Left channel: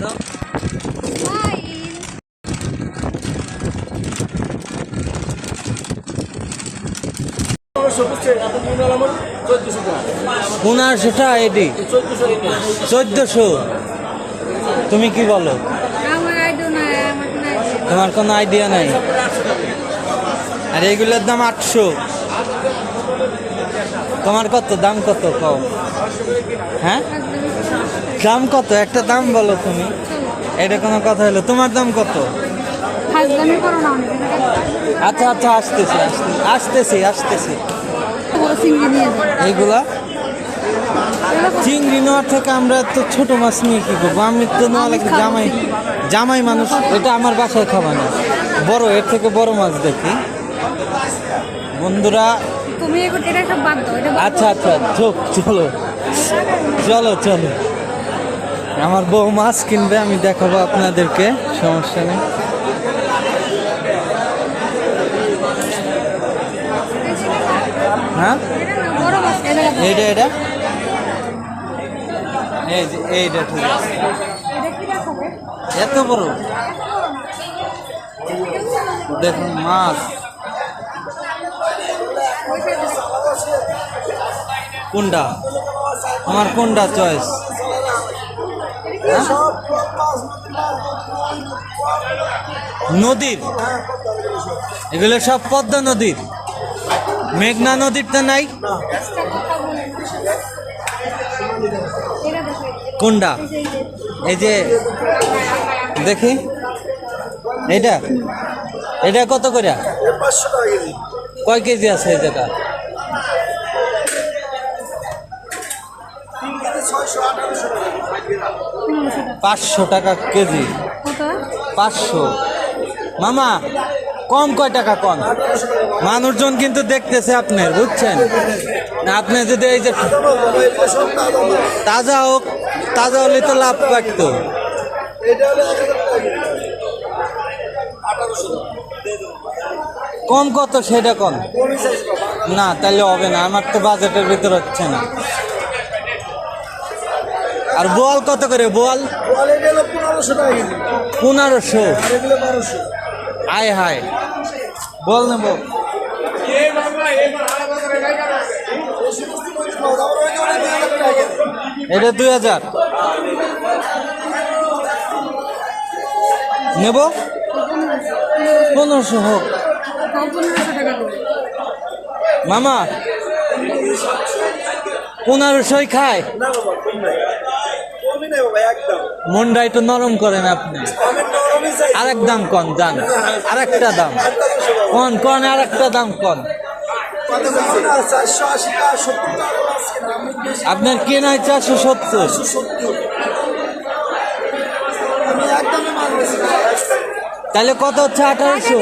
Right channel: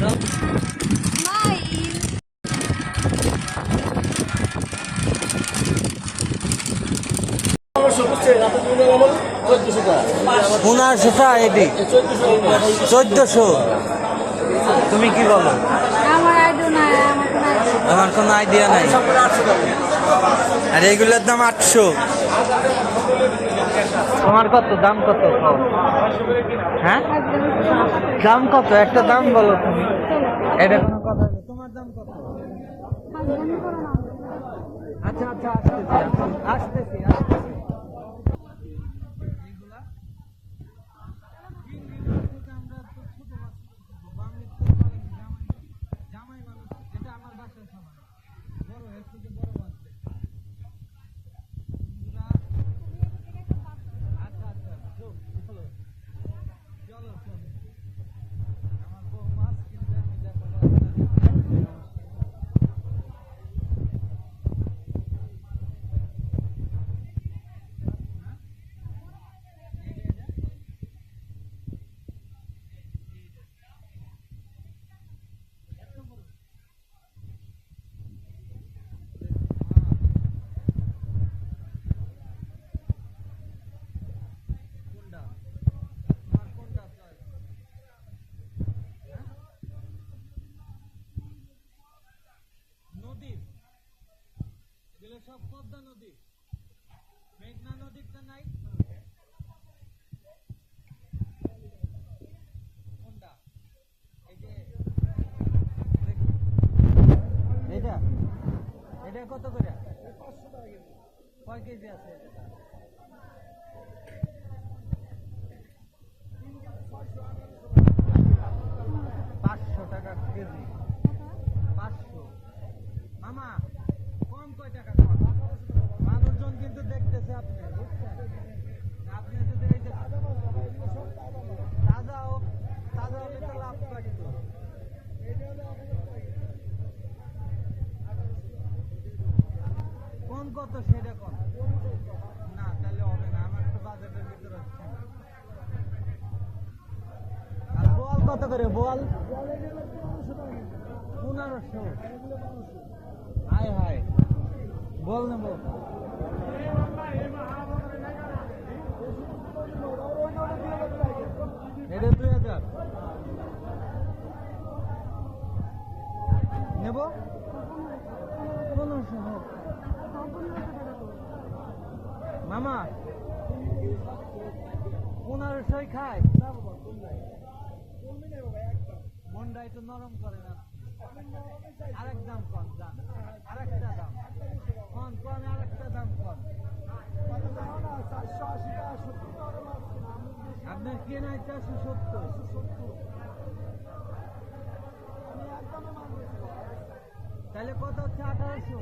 তো পনেরোশোটা এটি 1400। তুমি কি বলো? তোমার কোনো আইডিয়া নাই? আর এইগুলোর দাম 800। তোমার কত দাম, কত কম? হ্যাঁ দাম কত? একটা দাম বলো তুমি। এটা কোনো কথা হলো? তোমার দাম কত? আচ্ছা আচ্ছা, আসতেছি আসতেছি আসতেছি। এইগুলা চিংড়ি নেওয়ার থেকে আমরা তো ছোট মাছ নিয়ে কি করবো? আমি তো নেওয়া লাগে জামাই জামাই মানুষ, এটা আমার বাসায় খাওয়া না। বড়, এর থেকে বড় মাছ দেখি বন্ধুরা। আচ্ছা আচ্ছা, চলো চলো চলো। আমার বউ মাছ কিনবে, আমি দেখাবো আপনাদেরকে, সমস্যা নেই। হ্যাঁ এইটা এইটা এই যে এইটা ঠিক আছে। এত বড় দেখুন মাছ। কোনটা আমার, কোনটা চয়েস? নদীর এগুলো সব পদ্মা নদীর, মেঘনা নদীর তো নাই। কোনটা? এই যে দেখি এইটা, এটা কত করে? কয় কেজি আছে এই জায়গা? 500 টাকা কেজি। 500 মামা, কম কয় টাকা কম? মানুষজন কিন্তু দেখতেছে আপনার, বুঝছেন না? আপনি যদি এই যে তাজা হোক, তাজা হলে তো লাভ পাইতো। কম কত সেটা কম না, তাহলে হবে না, আমার তো বাজেটের ভিতর হচ্ছে না। আর বোয়াল কত করে? বোয়াল 1500। হায় হায়, বল নেব। এটা 2000 নেব। 1500 হোক মামা, 1500 খায়। মনটা একটু নরম করেন আপনি। আরেক দাম কন যান, আরেকটা দাম কন কন, আরেকটা দাম কন। আপনার কেনায় 470। তাহলে কত হচ্ছে? 1800।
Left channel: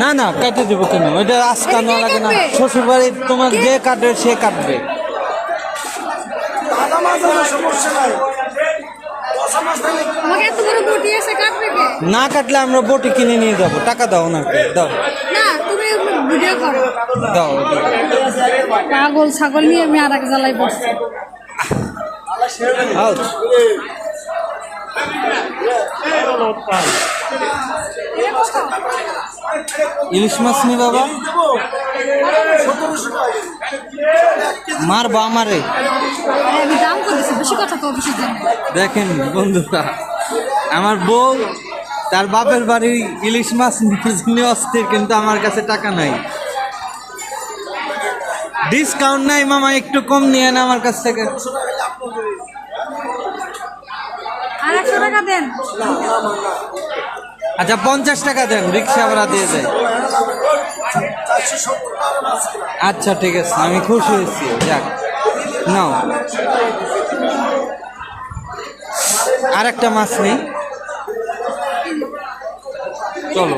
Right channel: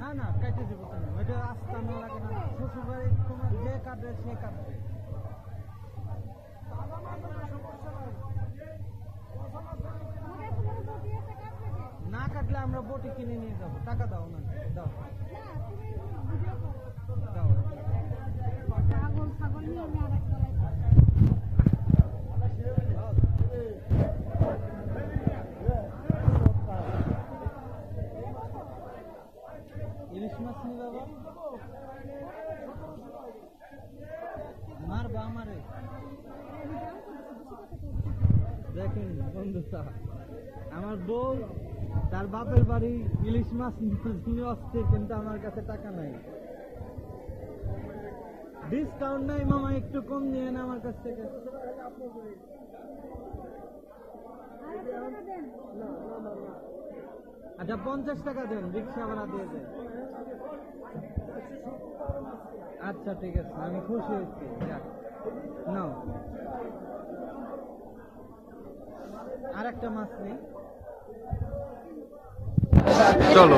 না না, কেটে দেবো কেন? ওইটা আজকা নেওয়া লাগে না। শ্বশুর বাড়ি তোমার যে কাটবে সে কাটবে। না কাটলে আমরা বটি কিনে নিয়ে যাবো। টাকা দাও না, দাও দাও। পাগল ছাগল নিয়ে আমি আর এক জ্বালাই বসছি। ইলিশ মাছ নি বাবা, মারবা আমারে। দেখেন বন্ধুরা, আমার বউ তার বাপের বাড়ি ইলিশ মাছ নিয়ে অস্থির, কিন্তু আমার কাছে টাকা নাই। ডিসকাউন্ট নাই মামা, একটু কম নিয়ে না আমার কাছ থেকে। 100 টাকা দেন। আচ্ছা 50 টাকা দেন, রিক্সা ভাড়া দিয়ে যায়। আচ্ছা ঠিক আছে, আমি খুশি হয়েছি। যাক নাও, আর একটা মাছ নেই। চলো।